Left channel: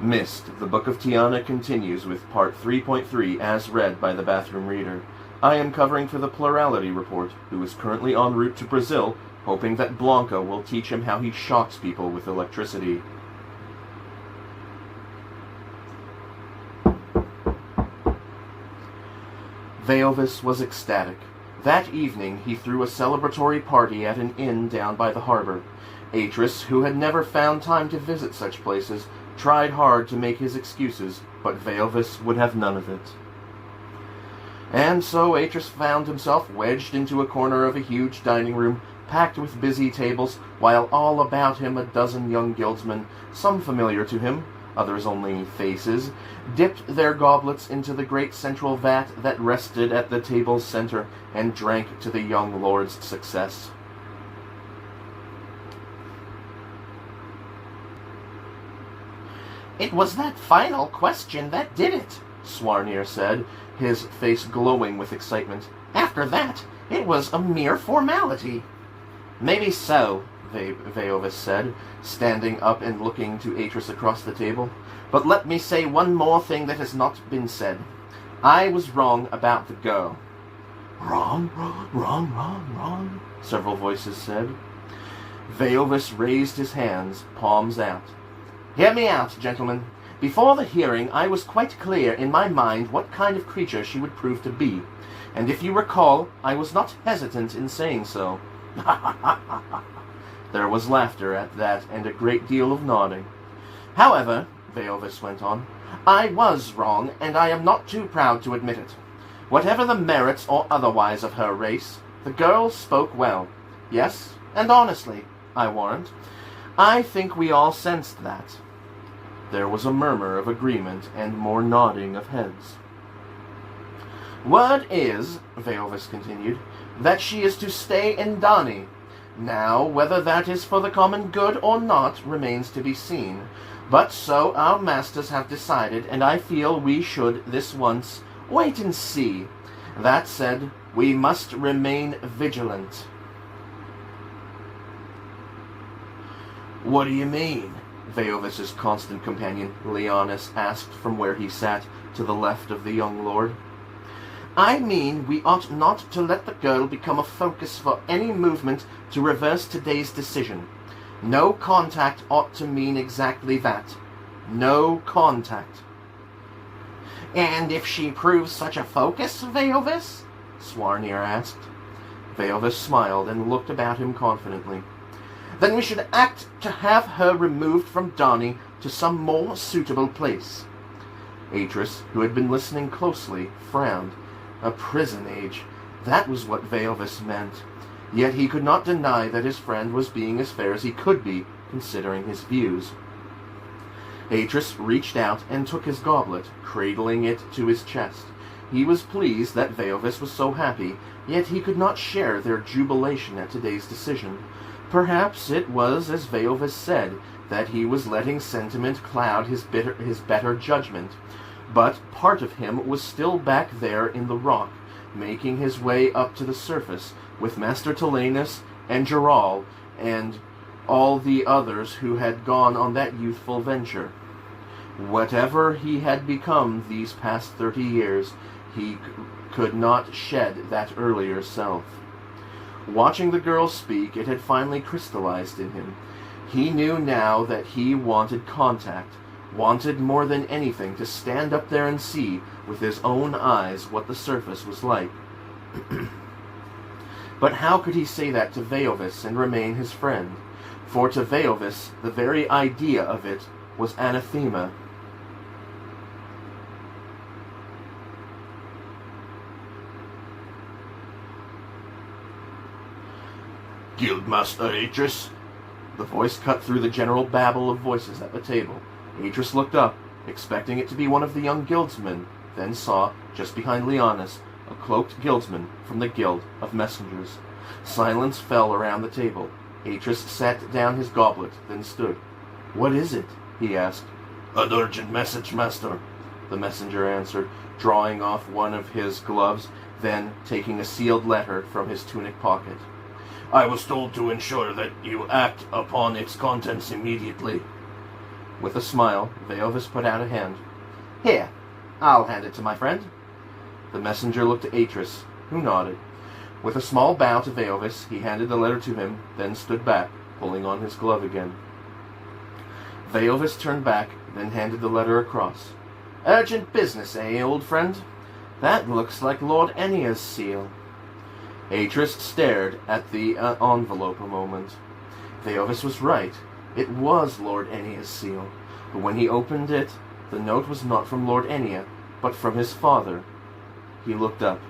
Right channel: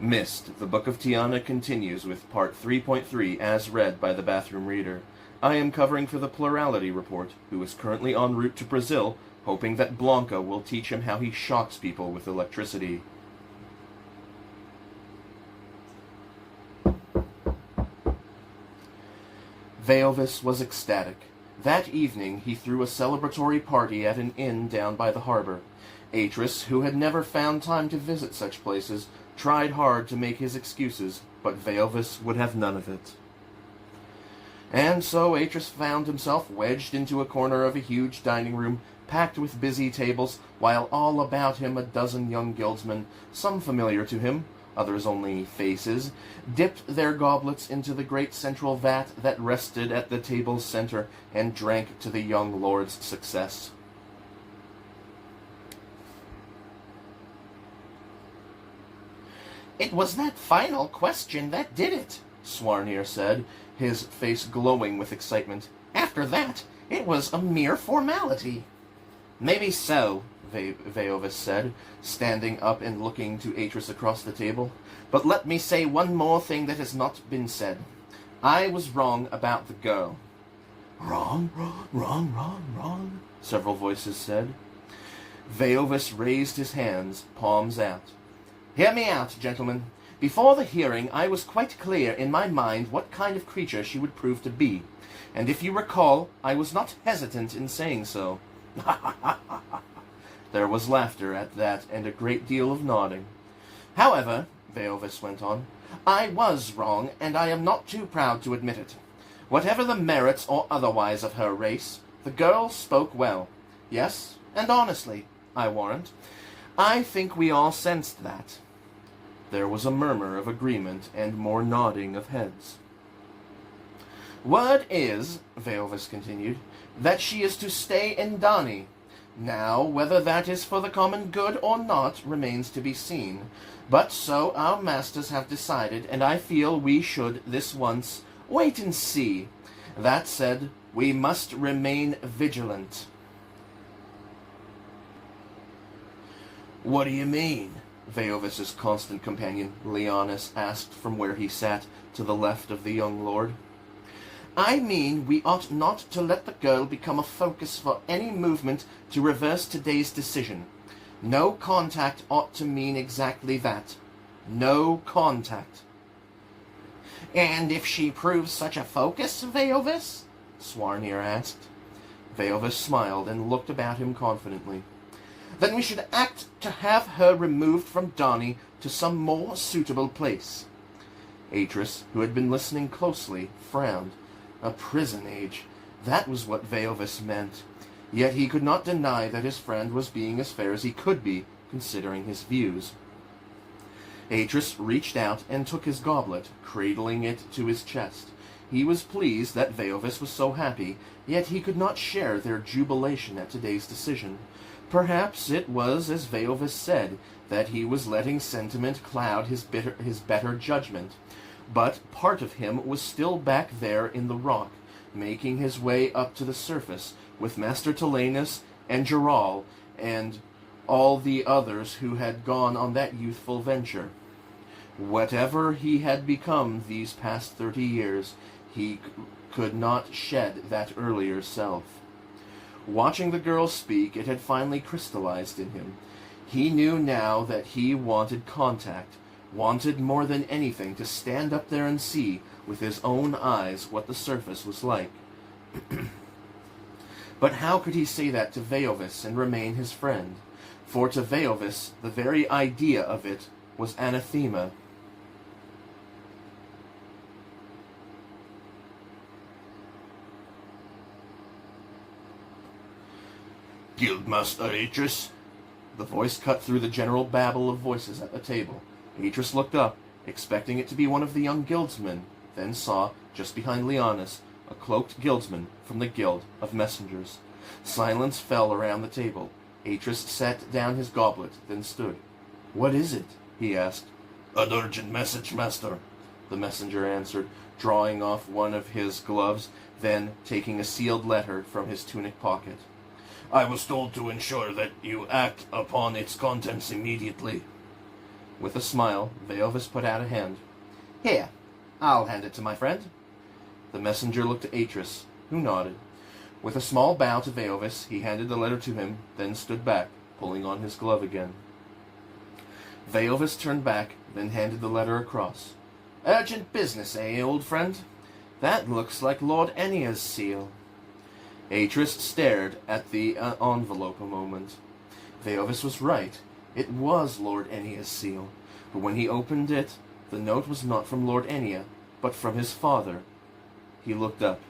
Myst, the Book of Tiana continues with Part 3.3 as read by the bathroom reader. I am covering for the Plurality Report, who is currently en route to Brazil, hoping that Blanca will teach him how he shocks people with electricity. Veovis was ecstatic. That evening he threw a celebratory party at an inn down by the harbor. Atris, who had never found time to visit such places, tried hard to make his excuses, but Veovis would have none of it. And so Atris found himself wedged into a corner of a huge dining room, packed with busy tables, while all about him a dozen young guildsmen, some familiar to him, others only faces, dipped their goblets into the great central vat that rested at the table's center, and drank to the young lord's success. "It was that final question that did it," Swarnir said, his face glowing with excitement. "After that, it was a mere formality." "Maybe so," Veovis said, standing up and looking to Atris across the table. "But let me say one more thing that has not been said. I was wrong about the girl." "Wrong, wrong," several voices said. Veovis raised his hands, palms out. "Hear me out, gentlemen. Before the hearing, I was quite clear in my mind what kind of creature she would prove to be. And if you recall, I was not hesitant in saying so." There was laughter at that, and a great deal of nodding. "However," Veovis went on, "I was wrong, and I am not too proud to admit it. Whatever the merits or otherwise of her race, the girl spoke well. Yes, and honestly, I warrant. I think we all sensed that." There was a murmur of agreement and more nodding of heads. "Word is," Veovis continued, "that she is to stay in Dani. Now, whether that is for the common good or not remains to be seen. But so our masters have decided, and I feel we should, this once, wait and see. That said, we must remain vigilant." "What do you mean?" Veovis's constant companion, Leonis, asked from where he sat, to the left of the young lord. "I mean we ought not to let the girl become a focus for any movement to reverse today's decision. No contact ought to mean exactly that. No contact." "And if she proves such a focus, Veovis?" Swarnir asked. Veovis smiled and looked about him confidently. "Then we should act to have her removed from Dani to some more suitable place." Atris, who had been listening closely, frowned. A prison age. That was what Veovis meant. Yet he could not deny that his friend was being as fair as he could be, considering his views. Atris reached out and took his goblet, cradling it to his chest. He was pleased that Veovis was so happy, yet he could not share their jubilation at today's decision. Perhaps it was, as Veovis said, that he was letting sentiment cloud his better judgment. But part of him was still back there in the rock, making his way up to the surface, with Master Tilanus and Geral, and all the others who had gone on that youthful venture. Whatever he had become these past 30 years, he could not shed that earlier self. Watching the girl speak, it had finally crystallized in him. He knew now that he wanted contact, wanted more than anything to stand up there and see with his own eyes what the surface was like. But how could he say that to Veovis and remain his friend? For to Veovis, the very idea of it was anathema. "Guildmaster Atris?" The voice cut through the general babble of voices at the table. Atris looked up, expecting it to be one of the young guildsmen, then saw, just behind Leonis, a cloaked guildsman from the Guild of Messengers. Silence fell around the table. Atris set down his goblet, then stood. "What is it?" he asked. "An urgent message, master," the messenger answered, drawing off one of his gloves, then taking a sealed letter from his tunic pocket. "I was told to ensure that you act upon its contents immediately." With a smile, Veovis put out a hand. "Here, I'll hand it to my friend." The messenger looked at Atris, who nodded. With a small bow to Veovis, he handed the letter to him, then stood back, pulling on his glove again. Veovis turned back, then handed the letter across. "Urgent business, eh, old friend? That looks like Lord Ennia's seal." Atris stared at the envelope a moment. Veovis was right. It was Lord Ennia's seal. But when he opened it, the note was not from Lord Ennia, but from his father. He looked up.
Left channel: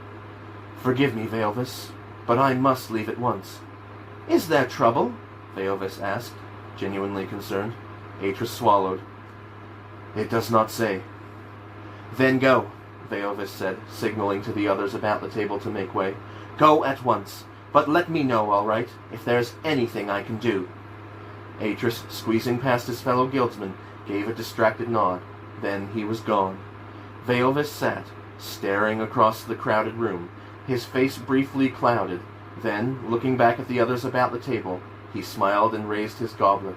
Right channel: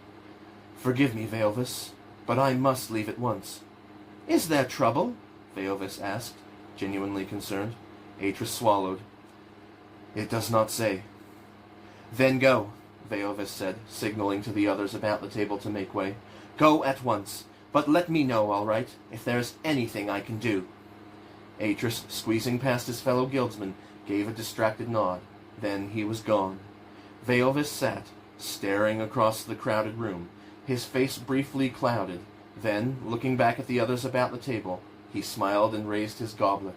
"Forgive me, Veovis, but I must leave at once." "Is there trouble?" Veovis asked, genuinely concerned. Atris swallowed. "It does not say." "Then go," Veovis said, signaling to the others about the table to make way. "Go at once, but let me know, all right, if there's anything I can do." Atris, squeezing past his fellow guildsman, gave a distracted nod. Then he was gone. Veovis sat, staring across the crowded room, his face briefly clouded. Then, looking back at the others about the table, he smiled and raised his goblet.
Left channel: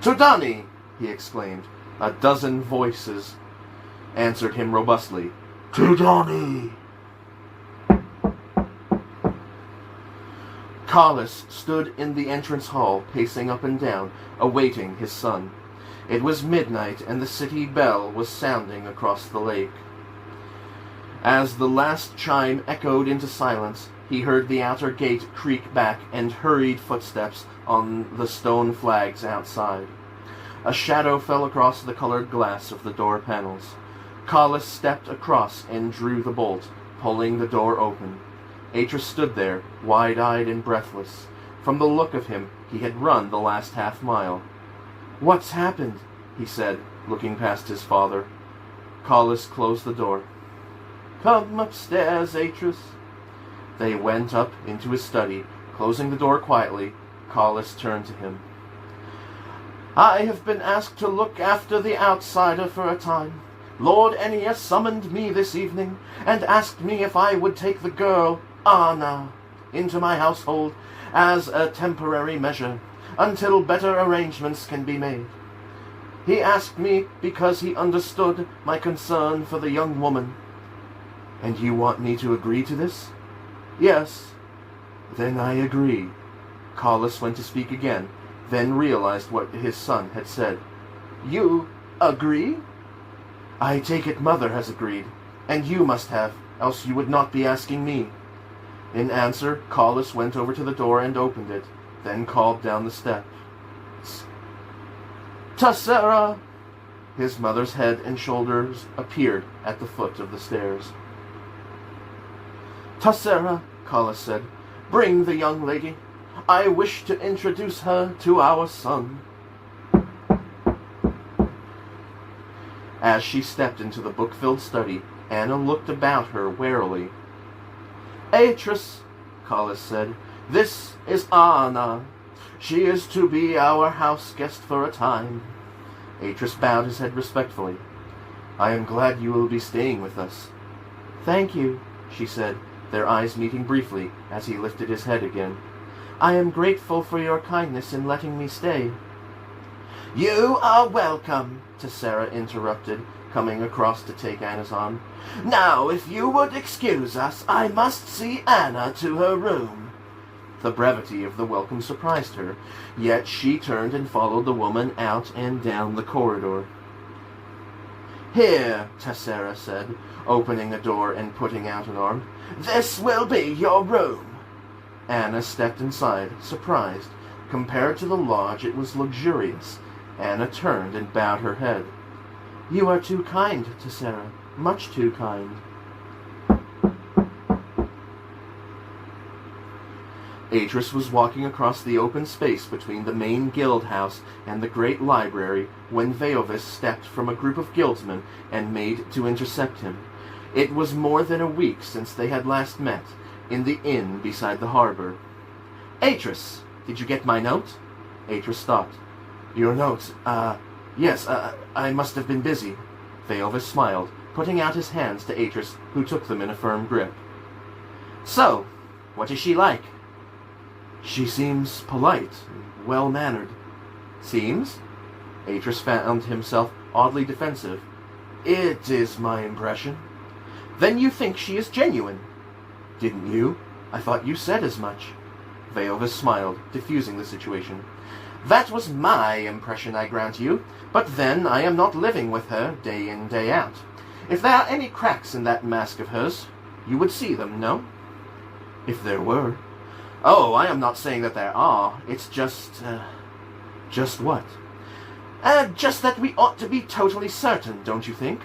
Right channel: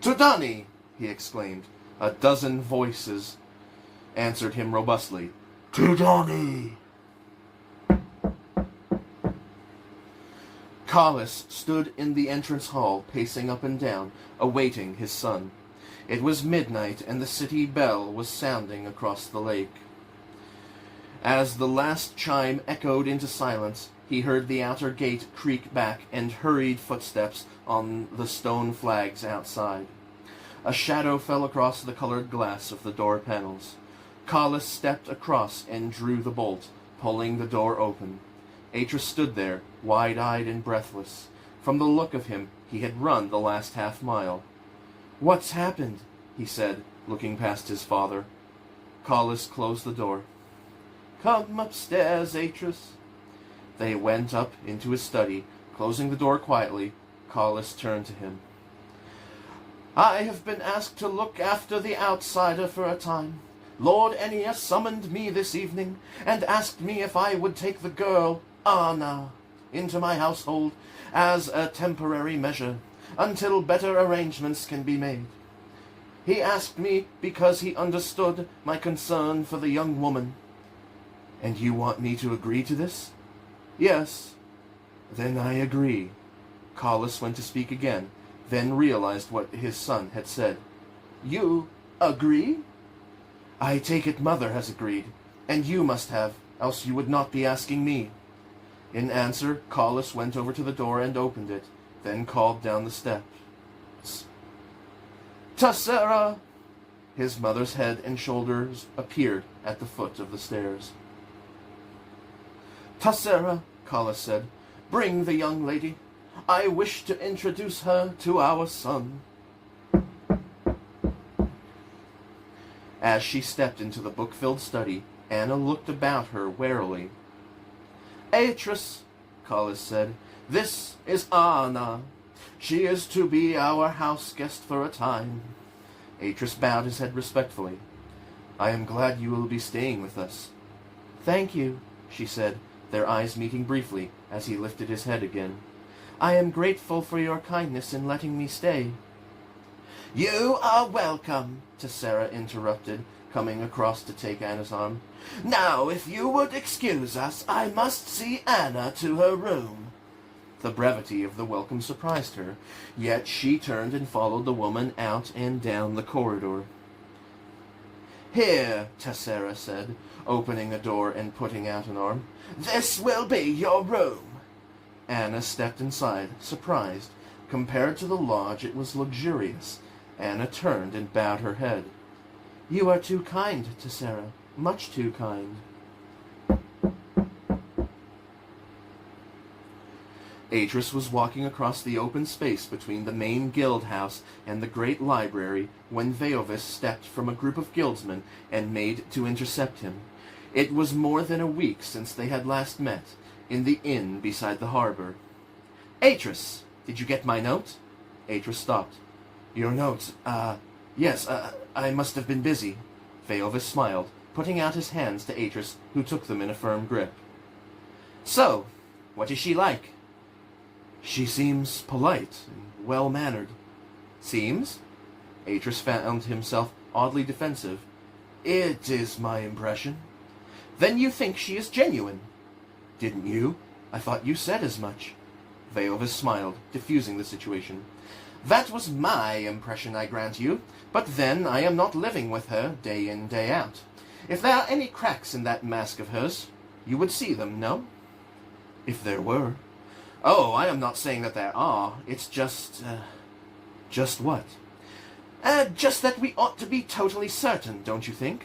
"Tudani!" he exclaimed. A dozen voices answered him robustly. Tudani! Carlos stood in the entrance hall, pacing up and down, awaiting his son. It was midnight, and the city bell was sounding across the lake. As the last chime echoed into silence, he heard the outer gate creak back and hurried footsteps on the stone flags outside. A shadow fell across the colored glass of the door panels. Carlos stepped across and drew the bolt, pulling the door open. Atris stood there, wide-eyed and breathless. From the look of him, he had run the last half-mile. "What's happened?" he said, looking past his father. Carlos closed the door. "Come upstairs, Atris." They went up into his study. Closing the door quietly, Carlos turned to him. "I have been asked to look after the outsider for a time. Lord Ennia summoned me this evening and asked me if I would take the girl, Anna, into my household as a temporary measure until better arrangements can be made. He asked me because he understood my concern for the young woman." "And you want me to agree to this?" "Yes." "Then I agree." Carlos went to speak again, then realized what his son had said. "You agree?" "I take it Mother has agreed, and you must have, else you would not be asking me." In answer, Carlos went over to the door and opened it, then called down the steps. "Tessera!" His mother's head and shoulders appeared at the foot of the stairs. "Tessera," Carlos said, "bring the young lady. I wish to introduce her to our son." As she stepped into the book-filled study, Anna looked about her warily. "Atris," Carlos said, "this is Anna. She is to be our house guest for a time." Atris bowed his head respectfully. "I am glad you will be staying with us." "Thank you," she said, their eyes meeting briefly as he lifted his head again. "I am grateful for your kindness in letting me stay." "You are welcome," Tessera interrupted, coming across to take Anna's arm. "Now, if you would excuse us, I must see Anna to her room." The brevity of the welcome surprised her, yet she turned and followed the woman out and down the corridor. "Here," Tessera said, opening a door and putting out an arm. "This will be your room." Anna stepped inside, surprised. Compared to the lodge, it was luxurious. Anna turned and bowed her head. "You are too kind, Tessera, much too kind." Atris was walking across the open space between the main guild house and the great library when Veovis stepped from a group of guildsmen and made to intercept him. It was more than a week since they had last met, in the inn beside the harbor. "Atris, did you get my note?" Atris stopped. "Your note? Yes, I must have been busy." Veovis smiled, putting out his hands to Atris, who took them in a firm grip. "So, what is she like?" "She seems polite, well-mannered." "Seems?" Atris found himself oddly defensive. "It is my impression." "Then you think she is genuine?" "Didn't you? I thought you said as much." Veovis smiled, diffusing the situation. "That was my impression, I grant you, but then I am not living with her day in, day out. If there are any cracks in that mask of hers, you would see them, no?" "If there were." "Oh, I am not saying that there are. It's just..." "Just what?" Just that we ought to be totally certain, don't you think?"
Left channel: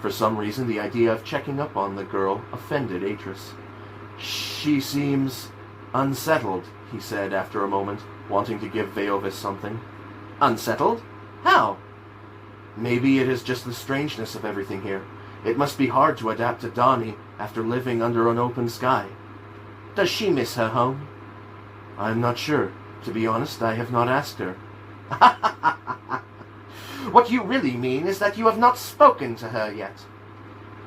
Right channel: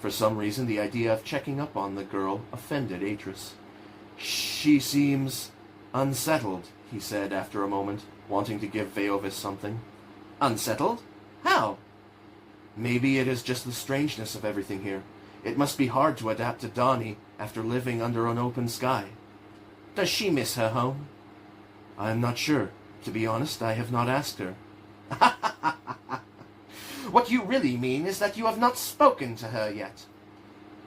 For some reason, the idea of checking up on the girl offended Atris. "She seems unsettled," he said after a moment, wanting to give Veovis something. "Unsettled? How?" "Maybe it is just the strangeness of everything here. It must be hard to adapt to Donnie after living under an open sky." "Does she miss her home?" "I'm not sure. To be honest, I have not asked her." "What you really mean is that you have not spoken to her yet."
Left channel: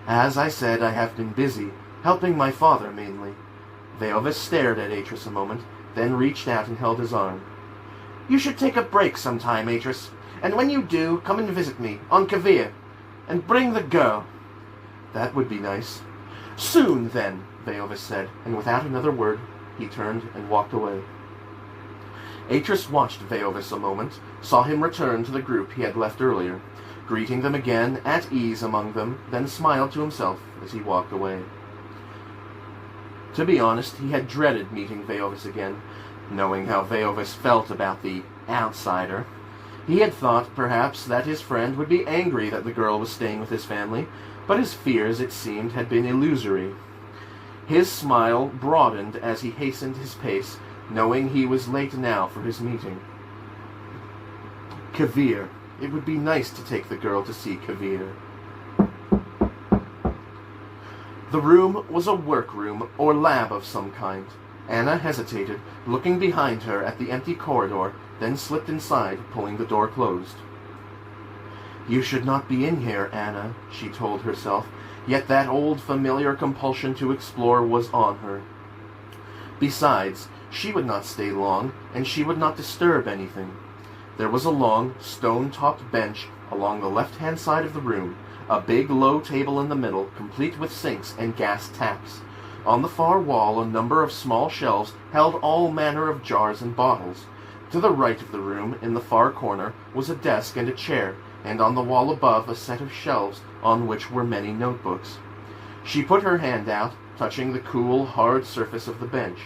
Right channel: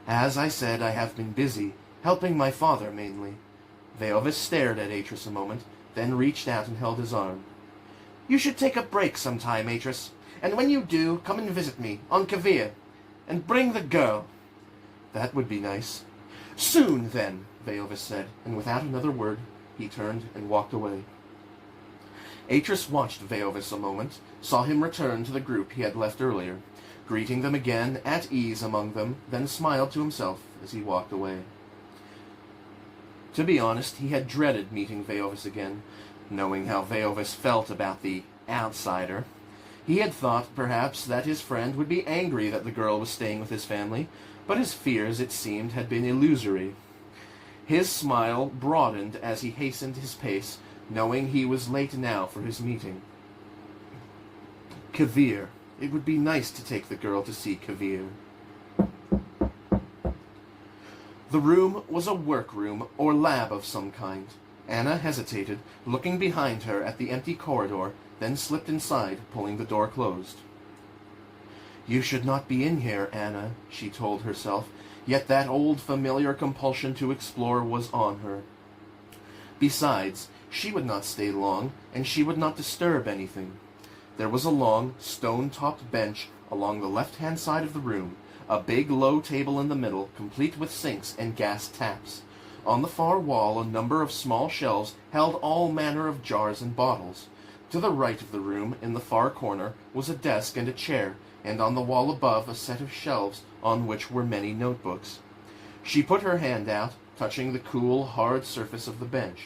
"As I said, I have been busy, helping my father mainly." Veovis stared at Atris a moment, then reached out and held his arm. "You should take a break sometime, Atris, and when you do, come and visit me, on Kavir, and bring the girl." "That would be nice." "Soon, then," Veovis said, and without another word, he turned and walked away. Atris watched Veovis a moment, saw him return to the group he had left earlier, greeting them again at ease among them, then smiled to himself as he walked away. To be honest, he had dreaded meeting Veovis again, knowing how Veovis felt about the outsider. He had thought, perhaps, that his friend would be angry that the girl was staying with his family, but his fears, it seemed, had been illusory. His smile broadened as he hastened his pace, knowing he was late now for his meeting. Kavir. It would be nice to take the girl to see Kavir. The room was a workroom or lab of some kind. Anna hesitated, looking behind her at the empty corridor, then slipped inside, pulling the door closed. "You should not be in here, Anna," she told herself, yet that old familiar compulsion to explore was on her. Besides, she would not stay long, and she would not disturb anything. There was a long, stone-topped bench along the left-hand side of the room, a big low table in the middle, complete with sinks and gas taps. On the far wall, a number of small shelves held all manner of jars and bottles. To the right of the room, in the far corner, was a desk and a chair, and on the wall above a set of shelves on which were many notebooks. She put her hand out, touching the cool, hard surface of the bench.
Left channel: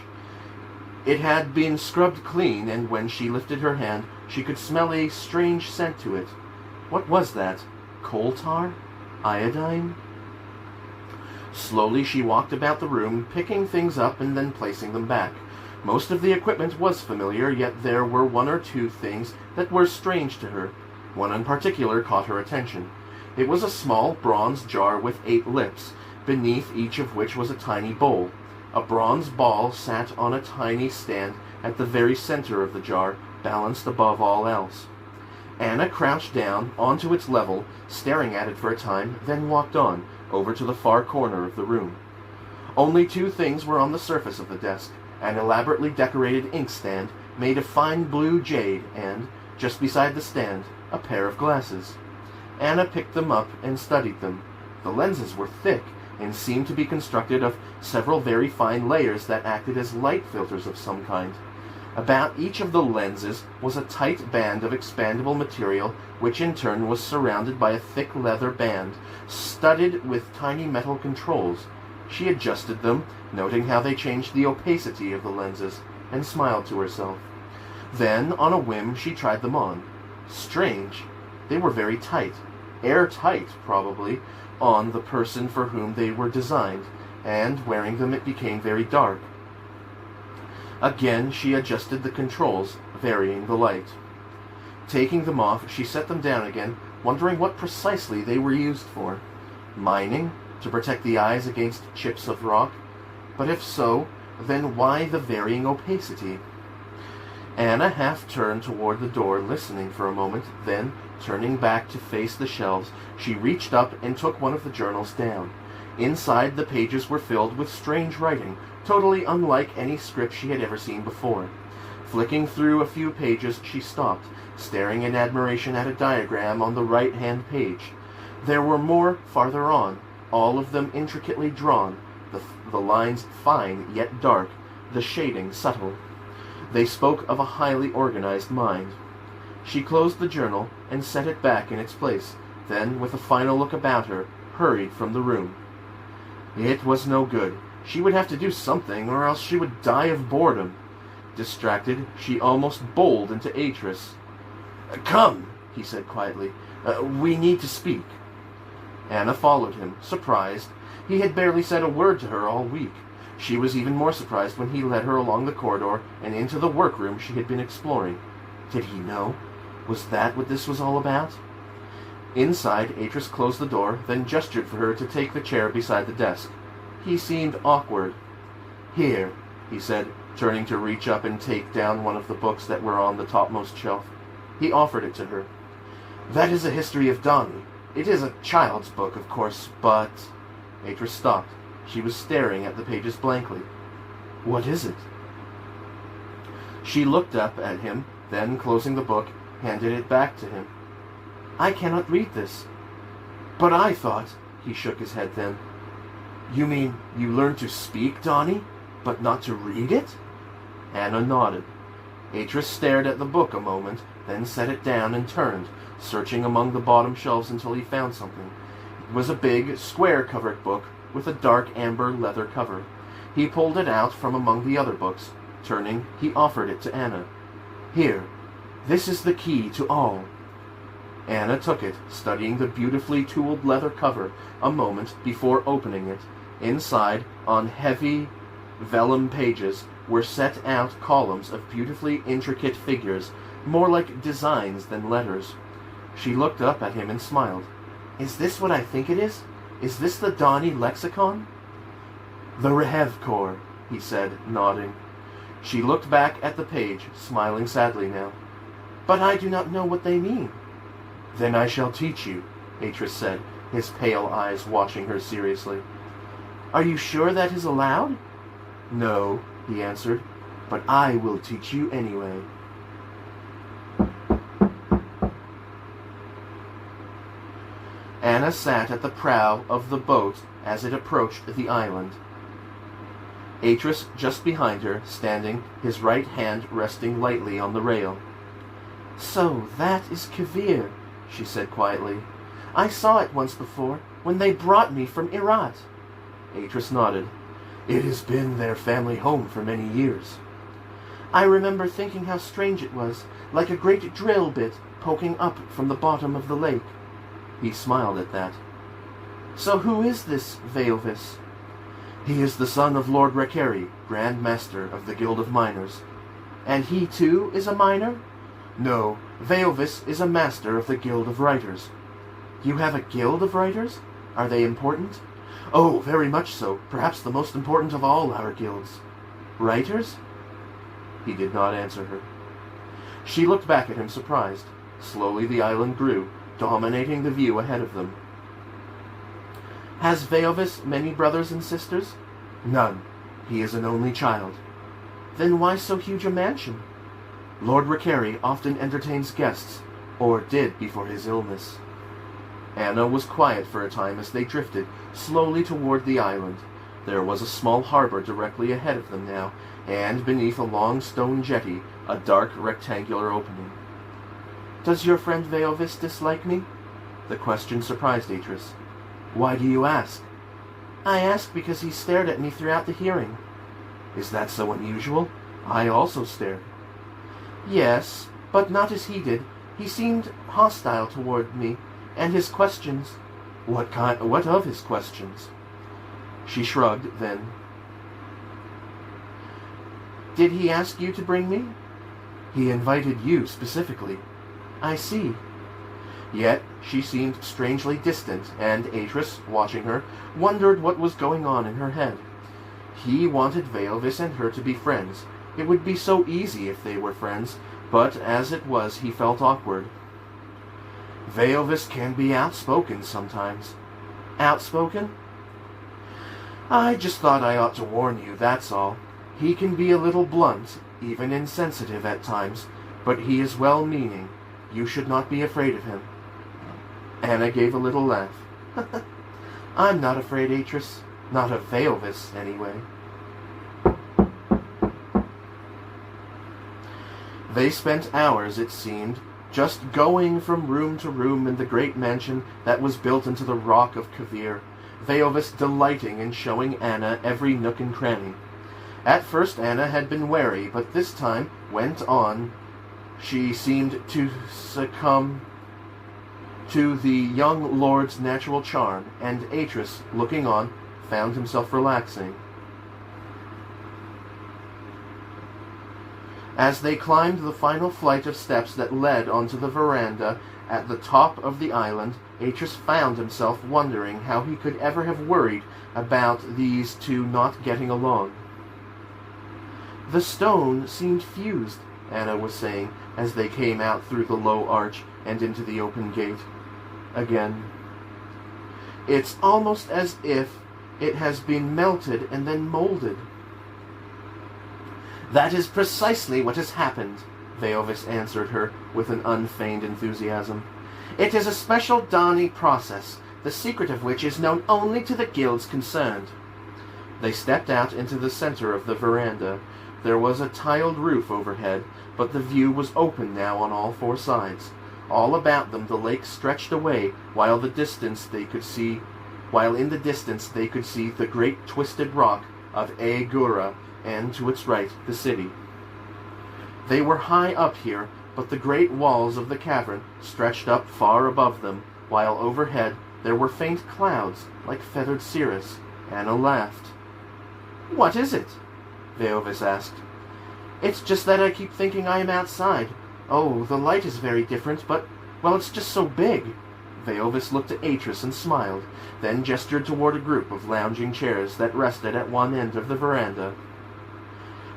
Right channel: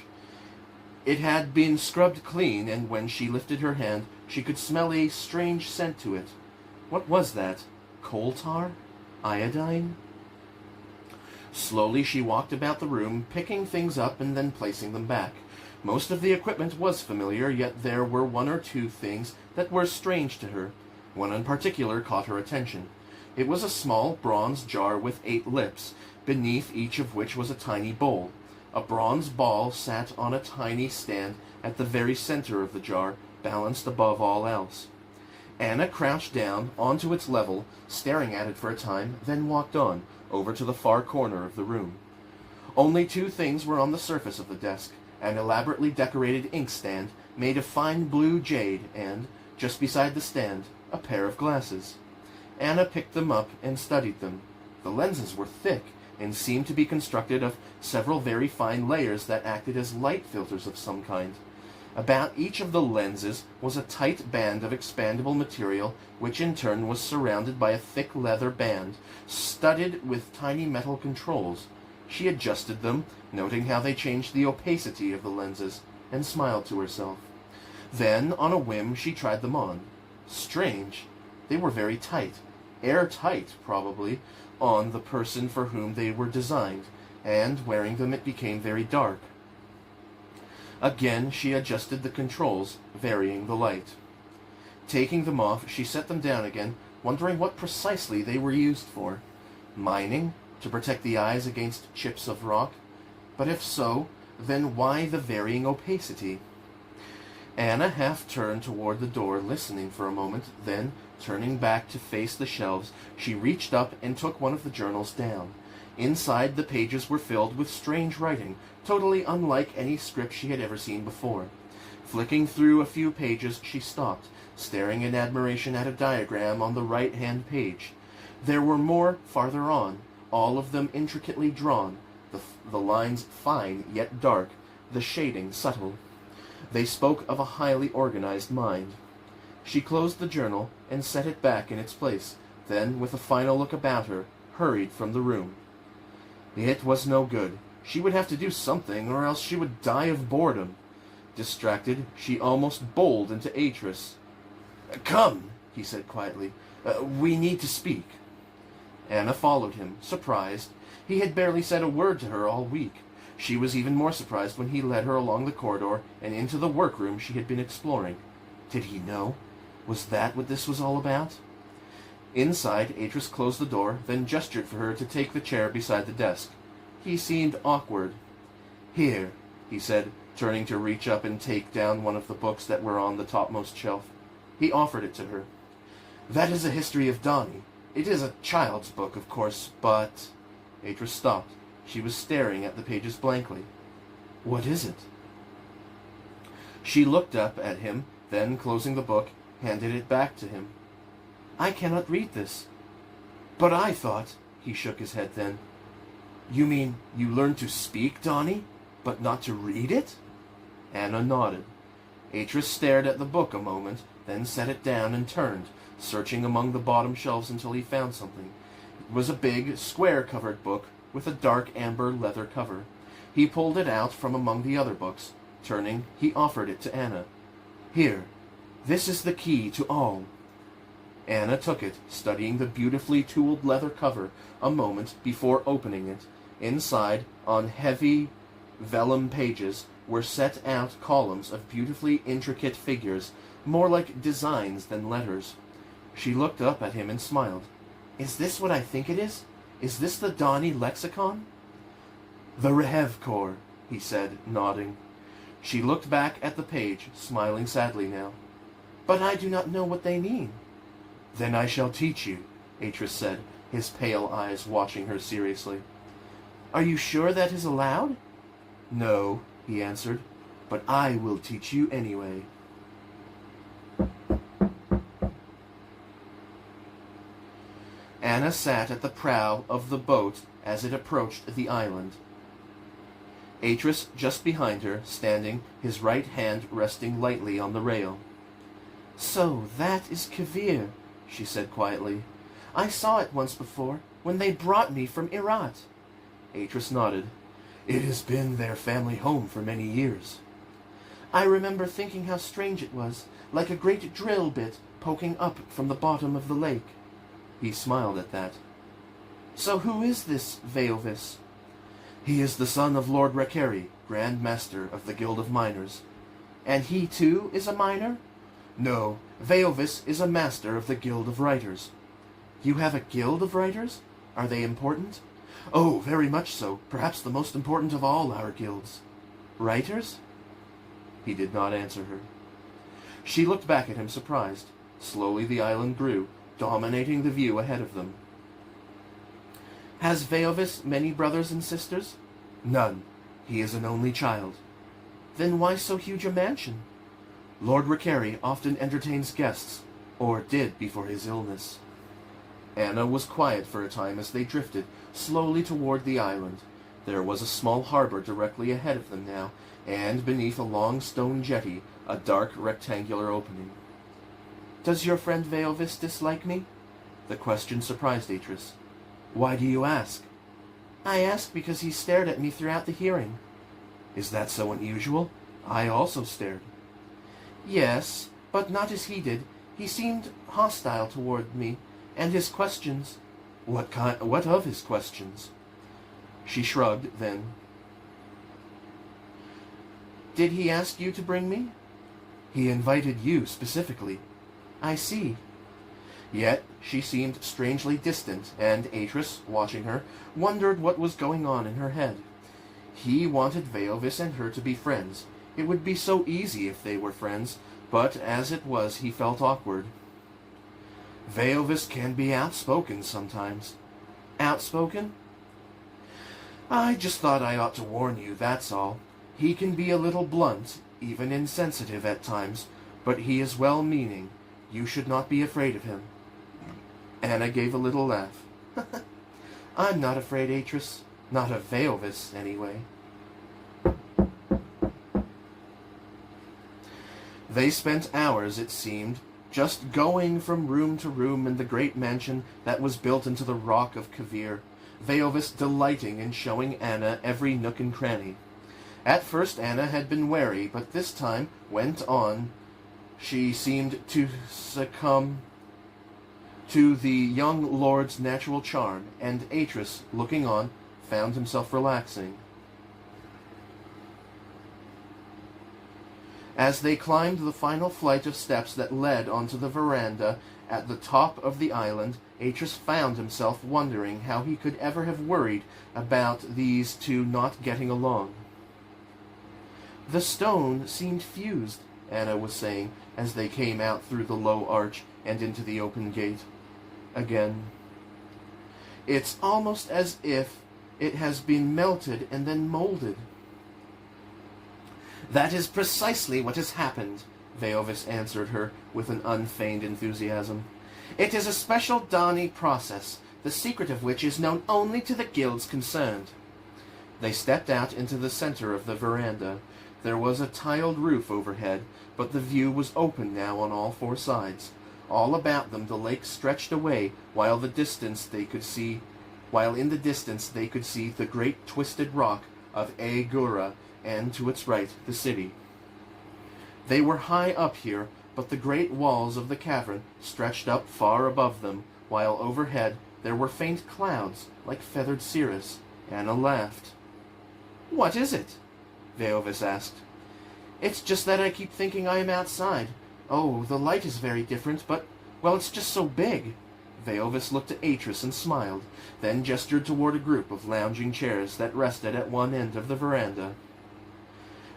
It had been scrubbed clean, and when she lifted her hand, she could smell a strange scent to it. What was that? Coal tar? Iodine? Slowly she walked about the room, picking things up and then placing them back. Most of the equipment was familiar, yet there were one or two things that were strange to her. One in particular caught her attention. It was a small bronze jar with 8 lips, beneath each of which was a tiny bowl. A bronze ball sat on a tiny stand at the very center of the jar, balanced above all else. Anna crouched down onto its level, staring at it for a time, then walked on, over to the far corner of the room. Only 2 things were on the surface of the desk: an elaborately decorated inkstand made of fine blue jade and, just beside the stand, a pair of glasses. Anna picked them up and studied them. The lenses were thick and seemed to be constructed of several very fine layers that acted as light filters of some kind. About each of the lenses was a tight band of expandable material, which in turn was surrounded by a thick leather band, studded with tiny metal controls. She adjusted them, noting how they changed the opacity of the lenses, and smiled to herself. Then, on a whim, she tried them on. Strange. They were very tight. Airtight, probably, on the person for whom they were designed, and wearing them it became very dark. Again she adjusted the controls, varying the light. Taking them off, she set them down again, wondering what precisely they were used for. Mining? To protect the eyes against chips of rock? But if so, then why the varying opacity? Anna half turned toward the door, listening for a moment, then, turning back to face the shelves, she reached up and took one of the journals down. Inside, the pages were filled with strange writing, totally unlike any script she had ever seen before. Flicking through a few pages, she stopped, staring in admiration at a diagram on the right-hand page. There were more farther on, all of them intricately drawn, the lines fine yet dark, the shading subtle. They spoke of a highly organized mind. She closed the journal and set it back in its place, then, with a final look about her, hurried from the room. It was no good. She would have to do something, or else she would die of boredom. Distracted, she almost bowled into Atris. "Come," he said quietly. "We need to speak." Anna followed him, surprised. He had barely said a word to her all week. She was even more surprised when he led her along the corridor and into the workroom she had been exploring. Did he know? Was that what this was all about? Inside, Atris closed the door, then gestured for her to take the chair beside the desk. He seemed awkward. "Here," he said, turning to reach up and take down one of the books that were on the topmost shelf. He offered it to her. "That is a history of Donnie. It is a child's book, of course, but—" Atris stopped. She was staring at the pages blankly. "What is it?" She looked up at him, then, closing the book, handed it back to him. "I cannot read this." "But I thought—" He shook his head then. "You mean you learned to speak, Donnie, but not to read it?" Anna nodded. Atris stared at the book a moment, then set it down and turned, searching among the bottom shelves until he found something. It was a big, square-covered book with a dark amber leather cover. He pulled it out from among the other books. Turning, he offered it to Anna. "Here, this is the key to all." Anna took it, studying the beautifully tooled leather cover a moment before opening it. Inside, on heavy vellum pages, were set out columns of beautifully intricate figures, more like designs than letters. She looked up at him and smiled. "Is this what I think it is? Is this the Donnie lexicon?" "The Rehev Corps," he said, nodding. She looked back at the page, smiling sadly now. "But I do not know what they mean." "Then I shall teach you," Atris said, his pale eyes watching her seriously. "Are you sure that is allowed?" "No," he answered, "but I will teach you anyway." Anna sat at the prow of the boat as it approached the island. Atris just behind her, standing, his right hand resting lightly on the rail. "So that is Kavir," she said quietly. "I saw it once before, when they brought me from Irat." Atris nodded. "It has been their family home for many years." "I remember thinking how strange it was, like a great drill bit poking up from the bottom of the lake." He smiled at that. "So who is this Veovis?" "He is the son of Lord Rakeri, Grand Master of the Guild of Miners." "And he, too, is a miner?" "No, Veovis is a master of the Guild of Writers." "You have a guild of writers? Are they important?" "Oh, very much so. Perhaps the most important of all our guilds." "Writers?" He did not answer her. She looked back at him surprised. Slowly the island grew, dominating the view ahead of them. "Has Veovis many brothers and sisters?" "None. He is an only child." "Then why so huge a mansion?" "Lord Rakeri often entertains guests, or did before his illness." Anna was quiet for a time as they drifted slowly toward the island. There was a small harbor directly ahead of them now, and beneath a long stone jetty, a dark rectangular opening. "Does your friend Veovis dislike me?" The question surprised Atris. "Why do you ask?" "I ask because he stared at me throughout the hearing." "Is that so unusual? I also stared." "Yes, but not as he did. He seemed hostile toward me, and his questions—" What of his questions?" She shrugged, then. "Did he ask you to bring me?" "He invited you specifically." "I see." Yet she seemed strangely distant, and Atris, watching her, wondered what was going on in her head. He wanted Veovis and her to be friends. It would be so easy if they were friends, but as it was he felt awkward. "Veovis can be outspoken sometimes." "Outspoken?" "I just thought I ought to warn you, that's all. He can be a little blunt, even insensitive at times, but he is well-meaning, You should not be afraid of him. Anna gave a little laugh. I'm not afraid, Atris. Not of Veilvis, anyway. They spent hours, it seemed, just going from room to room in the great mansion that was built into the rock of Kavir, Veilvis delighting in showing Anna every nook and cranny. At first Anna had been wary, but this time went on. She seemed to succumb to the young lord's natural charm, and Atris, looking on, found himself relaxing. As they climbed the final flight of steps that led onto the veranda at the top of the island, Atris found himself wondering how he could ever have worried about these two not getting along. The stone seemed fused, Anna was saying, as they came out through the low arch and into the open gate. Again. It's almost as if it has been melted and then molded. That is precisely what has happened, Veilvis answered her with an unfeigned enthusiasm. It is a special Dani process, the secret of which is known only to the guilds concerned. They stepped out into the center of the veranda. There was a tiled roof overhead, but the view was open now on all four sides. All about them the lake stretched away, while in the distance they could see the great twisted rock of Aegura, and to its right the city. They were high up here, but the great walls of the cavern stretched up far above them, while overhead there were faint clouds like feathered cirrus. Anna laughed. What is it? Veilvis asked. It's just that I keep thinking I am outside. Oh, the light is very different, but, well, it's just so big. Veilvis looked at Atris and smiled, then gestured toward a group of lounging chairs that rested at one end of the veranda.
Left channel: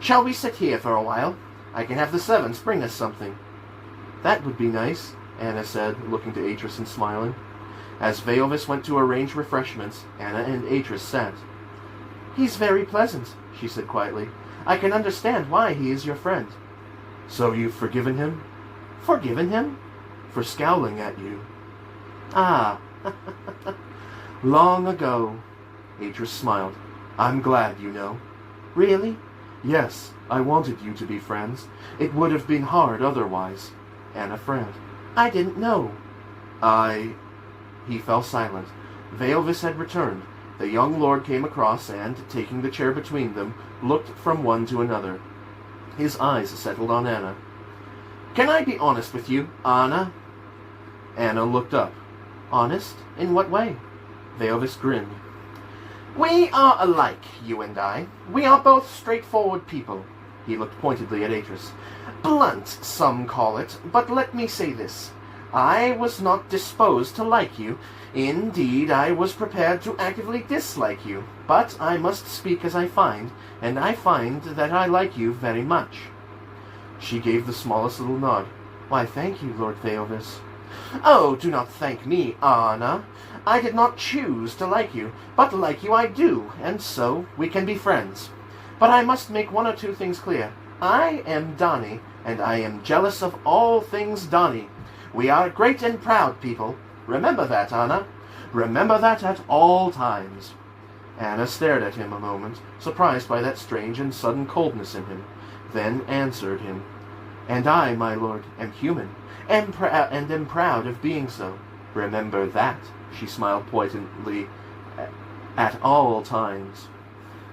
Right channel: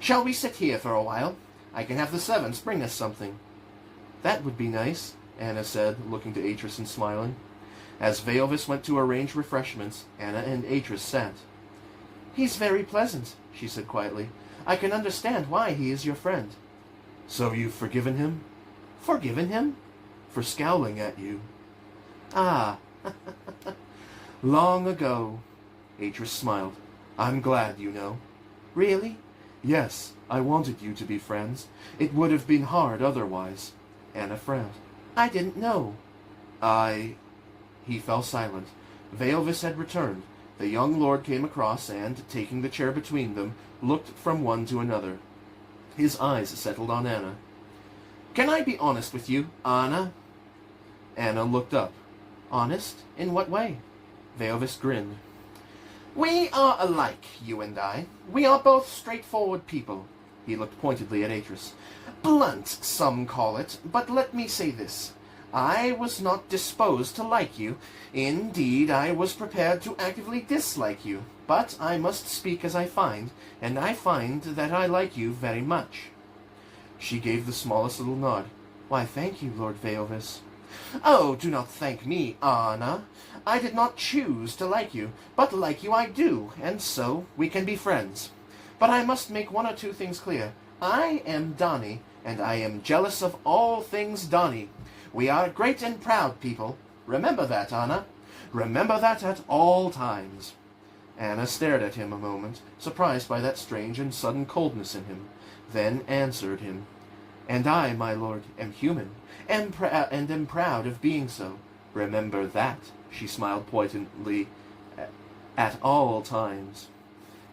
Shall we sit here for a while? I can have the servants bring us something. That would be nice, Anna said, looking to Atris and smiling. As Veilvis went to arrange refreshments, Anna and Atris sat. He's very pleasant, she said quietly. I can understand why he is your friend. So you've forgiven him? Forgiven him? For scowling at you. Ah, long ago. Atris smiled. I'm glad, you know. Really? Yes, I wanted you to be friends. It would have been hard otherwise. Anna frowned. I didn't know. He fell silent. Veilvis had returned. The young lord came across and, taking the chair between them, looked from one to another. His eyes settled on Anna. Can I be honest with you, Anna? Anna looked up. Honest? In what way? Veilvis grinned. We are alike, you and I. We are both straightforward people. He looked pointedly at Atris. Blunt, some call it, but let me say this. I was not disposed to like you. Indeed, I was prepared to actively dislike you. But I must speak as I find, and I find that I like you very much. She gave the smallest little nod. Why, thank you, Lord Veilvis. Oh, do not thank me, Anna. I did not choose to like you, but like you I do, and so we can be friends. But I must make one or two things clear. I am Dani, and I am jealous of all things Dani. We are great and proud people. Remember that, Anna. Remember that at all times. Anna stared at him a moment, surprised by that strange and sudden coldness in him, then answered him. And I, my lord, am human, and am proud of being so. Remember that, she smiled pointedly, at all times.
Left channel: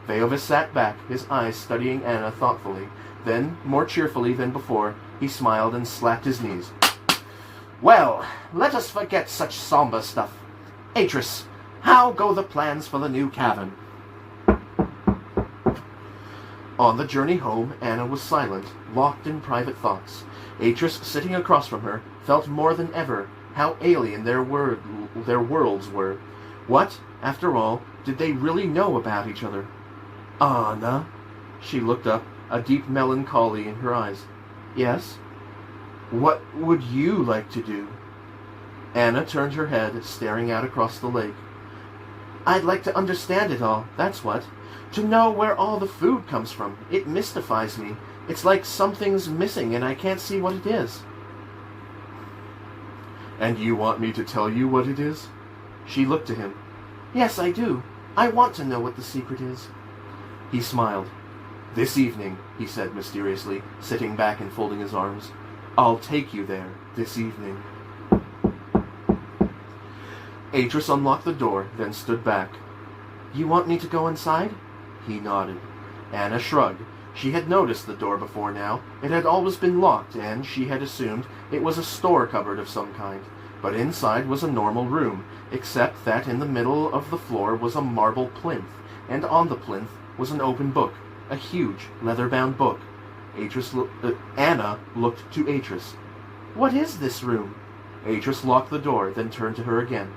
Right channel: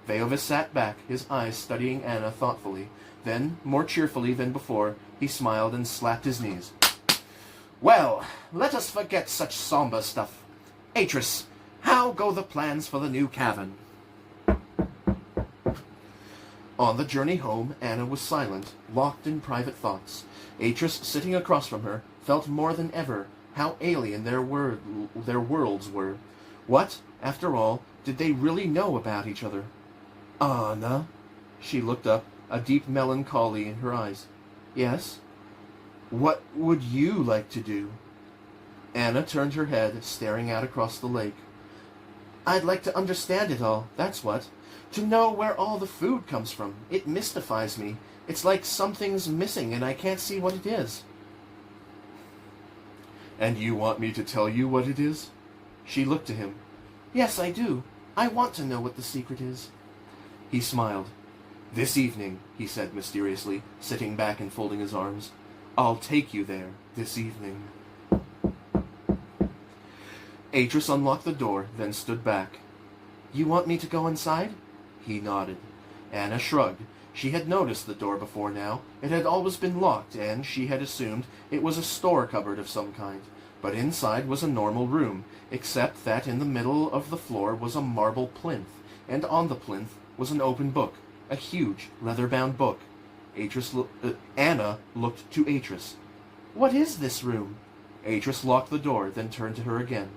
Veilvis sat back, his eyes studying Anna thoughtfully. Then, more cheerfully than before, he smiled and slapped his knees. Well, let us forget such somber stuff. Atris, how go the plans for the new cavern? On the journey home, Anna was silent, locked in private thoughts. Atris, sitting across from her, felt more than ever how alien their worlds were. What, after all, did they really know about each other? Anna? She looked up, a deep melancholy in her eyes. Yes? What would you like to do? Anna turned her head, staring out across the lake. I'd like to understand it all, that's what. To know where all the food comes from. It mystifies me. It's like something's missing and I can't see what it is. And you want me to tell you what it is? She looked to him. Yes, I do. I want to know what the secret is. He smiled. This evening, he said mysteriously, sitting back and folding his arms. I'll take you there this evening. Atris unlocked the door, then stood back. You want me to go inside? He nodded. Anna shrugged. She had noticed the door before now. It had always been locked, and she had assumed it was a store cupboard of some kind. But inside was a normal room, except that in the middle of the floor was a marble plinth, and on the plinth was an open book, a huge leather-bound book. Anna looked to Atris. What is this room? Atris locked the door, then turned to her again.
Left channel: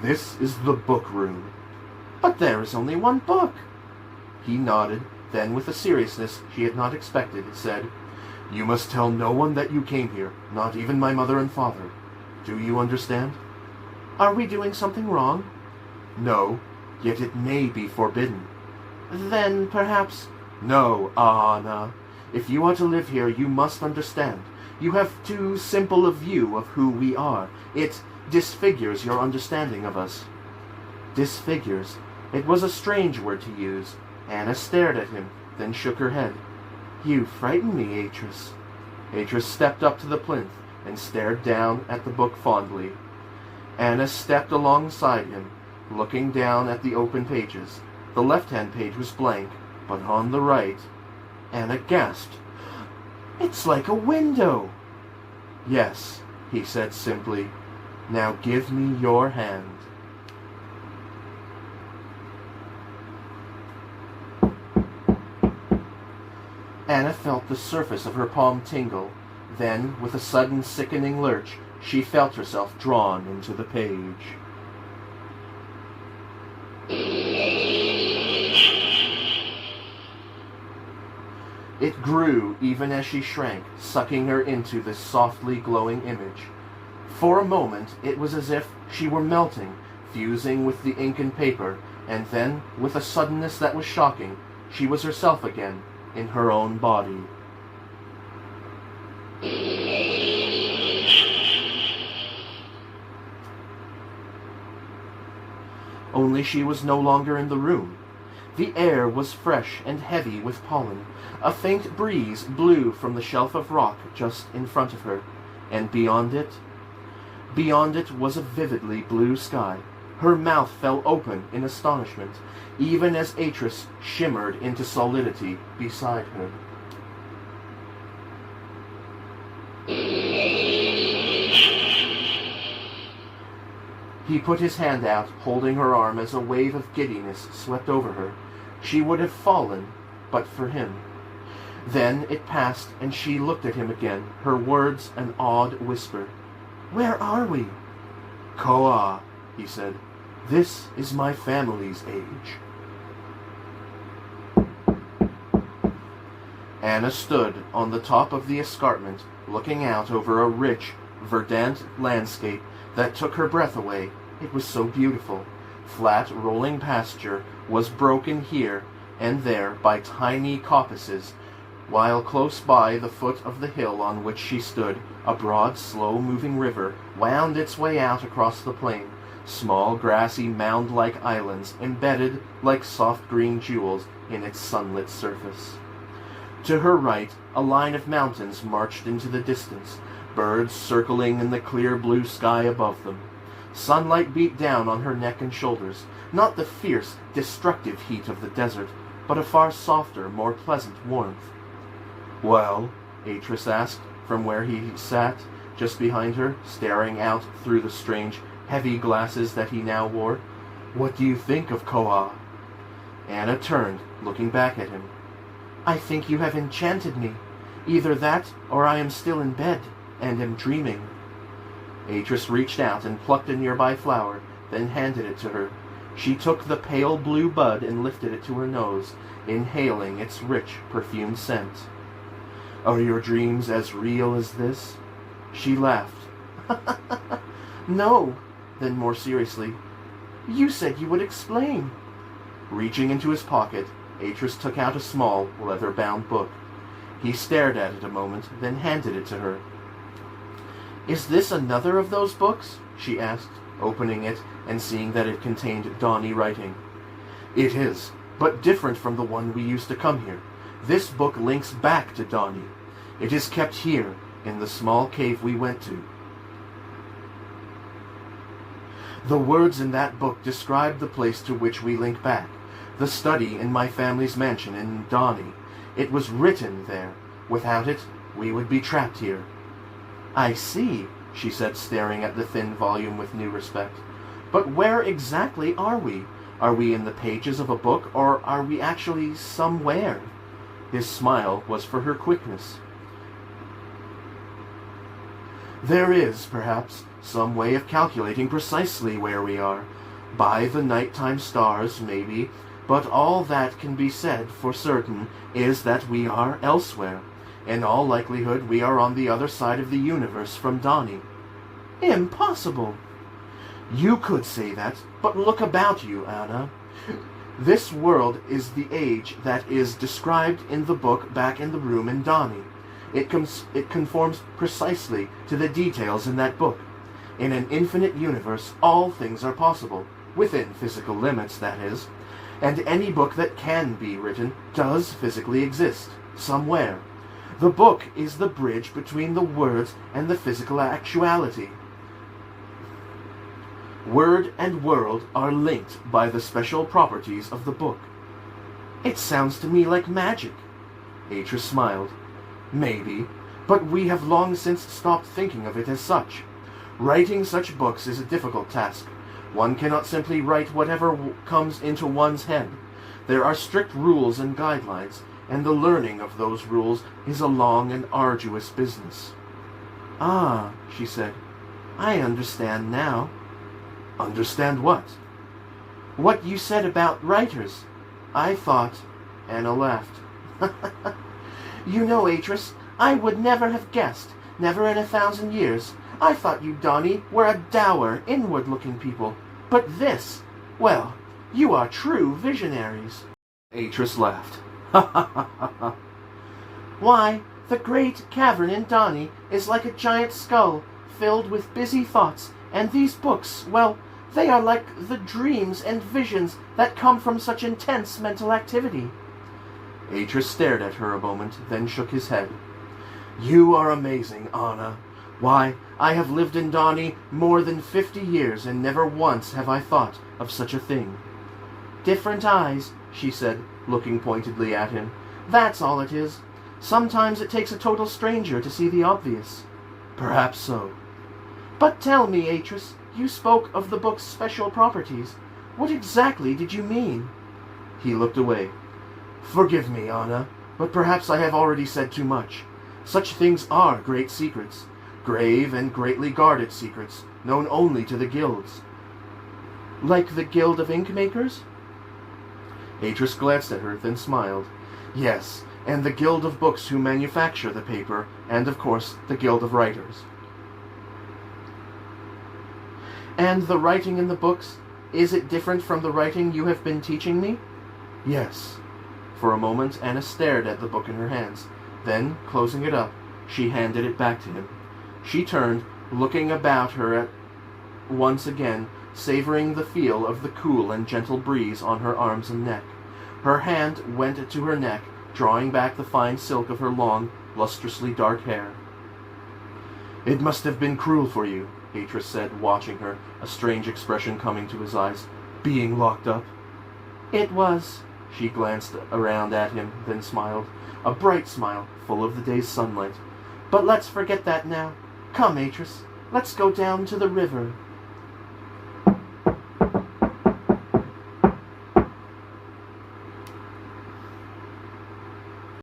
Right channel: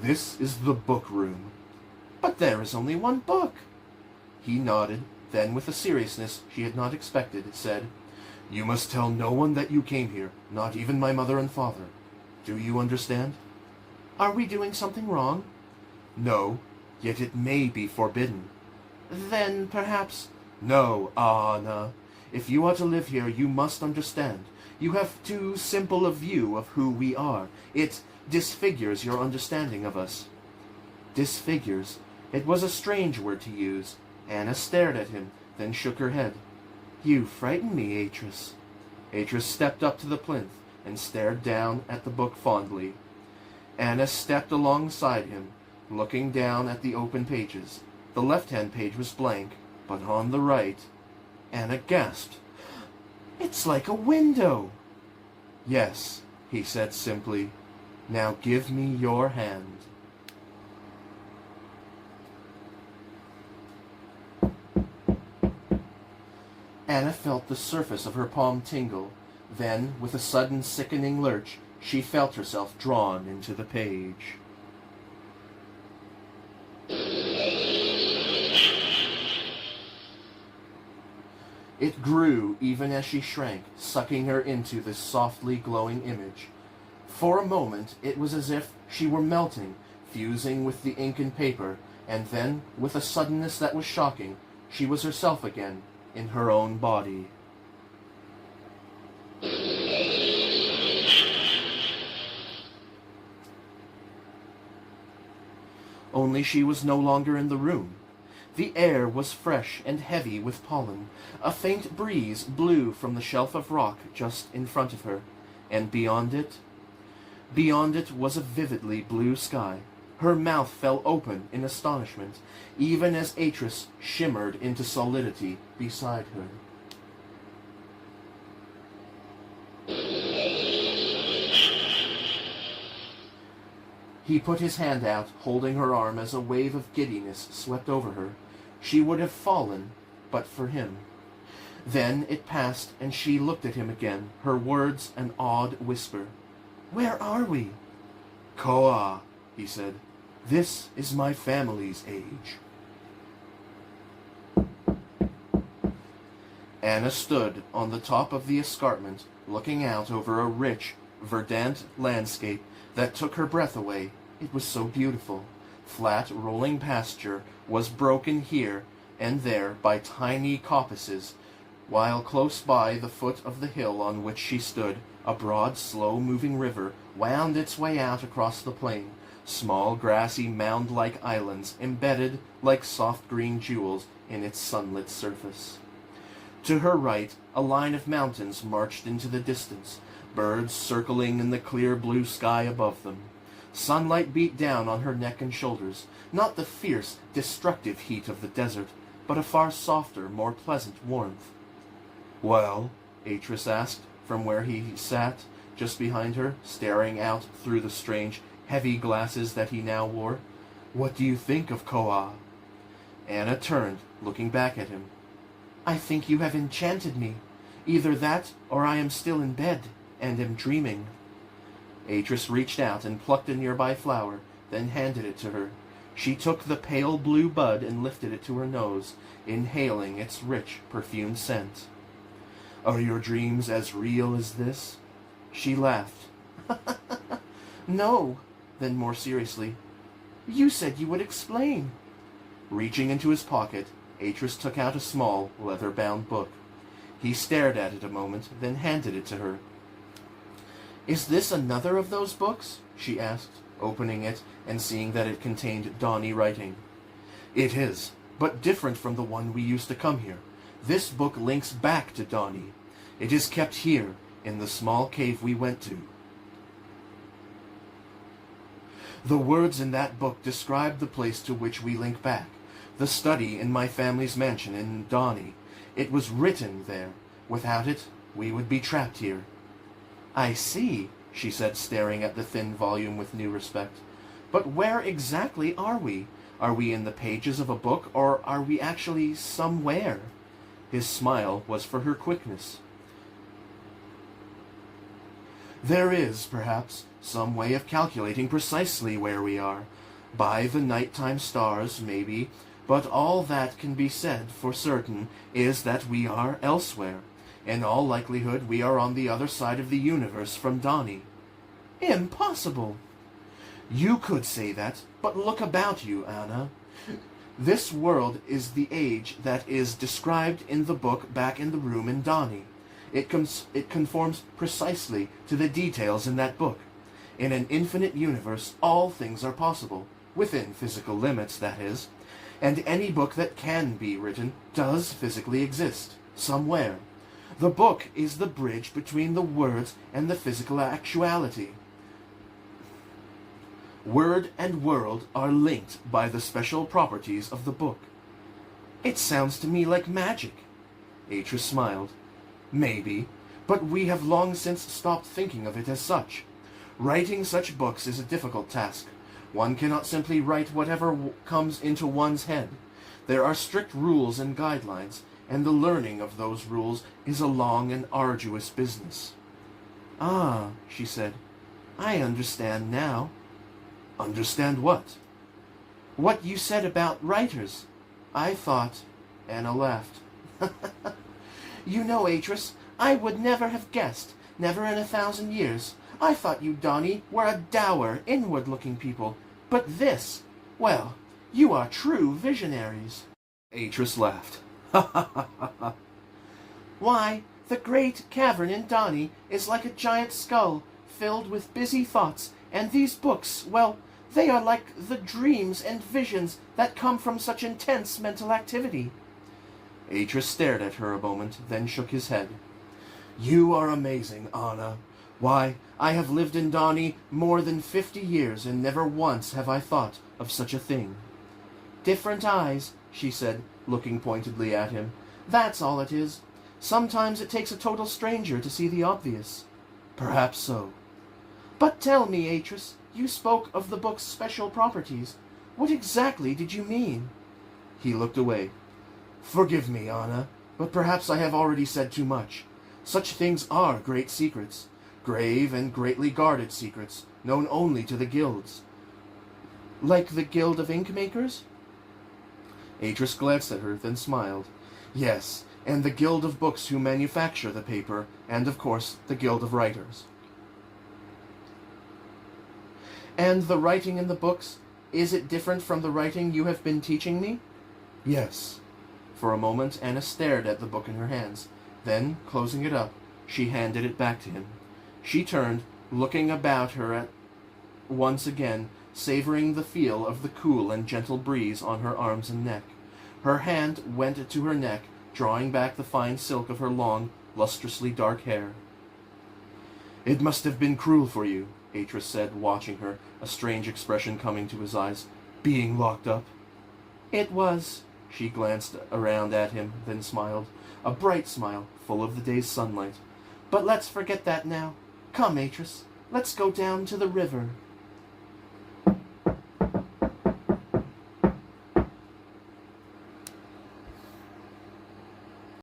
This is the book room. But there is only one book. He nodded, then with a seriousness she had not expected, said, You must tell no one that you came here, not even my mother and father. Do you understand? Are we doing something wrong? No, yet it may be forbidden. Then perhaps... No, Anna. If you are to live here, you must understand. You have too simple a view of who we are. It disfigures your understanding of us. Disfigures. It was a strange word to use. Anna stared at him, then shook her head. You frighten me, Atris. Atris stepped up to the plinth and stared down at the book fondly. Anna stepped alongside him, looking down at the open pages. The left-hand page was blank, but on the right... Anna gasped. It's like a window. Yes, he said simply. Now give me your hand. Anna felt the surface of her palm tingle. Then, with a sudden sickening lurch, she felt herself drawn into the page. It grew even as she shrank, sucking her into this softly glowing image. For a moment, it was as if she were melting, fusing with the ink and paper, and then, with a suddenness that was shocking, she was herself again, in her own body. Only she was no longer in the room. The air was fresh and heavy with pollen. A faint breeze blew from the shelf of rock just in front of her, and beyond it was a vividly blue sky. Her mouth fell open in astonishment, even as Atris shimmered into solidity beside her. He put his hand out, holding her arm as a wave of giddiness swept over her. She would have fallen, but for him. Then it passed, and she looked at him again, her words an awed whisper. Where are we? Koa, he said. This is my family's age. Anna stood on the top of the escarpment, looking out over a rich, verdant landscape that took her breath away. It was so beautiful. Flat, rolling pasture was broken here and there by tiny coppices, while close by the foot of the hill on which she stood, a broad, slow-moving river wound its way out across the plain, small, grassy, mound-like islands embedded like soft green jewels in its sunlit surface. To her right, a line of mountains marched into the distance, birds circling in the clear blue sky above them. Sunlight beat down on her neck and shoulders, not the fierce, destructive heat of the desert, but a far softer, more pleasant warmth. Well, Atris asked, from where he sat, just behind her, staring out through the strange, heavy glasses that he now wore. What do you think of Koa? Anna turned, looking back at him. I think you have enchanted me. Either that, or I am still in bed, and am dreaming. Atris reached out and plucked a nearby flower, then handed it to her. She took the pale blue bud and lifted it to her nose, inhaling its rich, perfumed scent. Are your dreams as real as this? She laughed. No. Then more seriously, you said you would explain. Reaching into his pocket, Atris took out a small, leather-bound book. He stared at it a moment, then handed it to her. Is this another of those books? She asked, opening it and seeing that it contained Donnie writing. It is, but different from the one we used to come here. This book links back to Donnie. It is kept here, in the small cave we went to. The words in that book describe the place to which we link back, the study in my family's mansion in Donnie. It was written there. Without it, we would be trapped here. I see, she said, staring at the thin volume with new respect. But where exactly are we? Are we in the pages of a book, or are we actually somewhere? His smile was for her quickness. There is, perhaps, some way of calculating precisely where we are. By the nighttime stars, maybe, but all that can be said for certain is that we are elsewhere. In all likelihood, we are on the other side of the universe from Donnie. Impossible! You could say that, but look about you, Anna. This world is the age that is described in the book back in the room in Donnie. It conforms precisely to the details in that book. In an infinite universe, all things are possible, within physical limits, that is. And any book that can be written does physically exist, somewhere. The book is the bridge between the words and the physical actuality. Word and world are linked by the special properties of the book. It sounds to me like magic. Atris smiled. Maybe, but we have long since stopped thinking of it as such. Writing such books is a difficult task. One cannot simply write whatever comes into one's head. There are strict rules and guidelines, and the learning of those rules is a long and arduous business. Ah, she said, I understand now. Understand what? What you said about writers. I thought... Anna laughed. You know, Atris, I would never have guessed, never in 1,000 years. I thought you, Donnie, were a dour, inward-looking people. But this, well, you are true visionaries. Atris laughed. Why, the great cavern in Donnie is like a giant skull, filled with busy thoughts, and these books, well, they are like the dreams and visions that come from such intense mental activity. Atris stared at her a moment, then shook his head. You are amazing, Anna. Why, I have lived in Donnie more than 50 years, and never once have I thought of such a thing. Different eyes, she said, looking pointedly at him. That's all it is. Sometimes it takes a total stranger to see the obvious. Perhaps so. But tell me, Atris, you spoke of the book's special properties. What exactly did you mean? He looked away. Forgive me, Anna, but perhaps I have already said too much. Such things are great secrets, grave and greatly guarded secrets, known only to the guilds. Like the Guild of Ink-makers? Atris glanced at her, then smiled. Yes, and the Guild of Books who manufacture the paper, and of course the Guild of Writers. And the writing in the books, is it different from the writing you have been teaching me? Yes. For a moment Anna stared at the book in her hands. Then, closing it up, she handed it back to him. She turned, looking about her once again, savoring the feel of the cool and gentle breeze on her arms and neck. Her hand went to her neck, drawing back the fine silk of her long, lustrously dark hair. It must have been cruel for you, Atris said, watching her, a strange expression coming to his eyes. Being locked up. It was. She glanced around at him, then smiled. A bright smile, full of the day's sunlight. But let's forget that now. Come, Atris, let's go down to the river.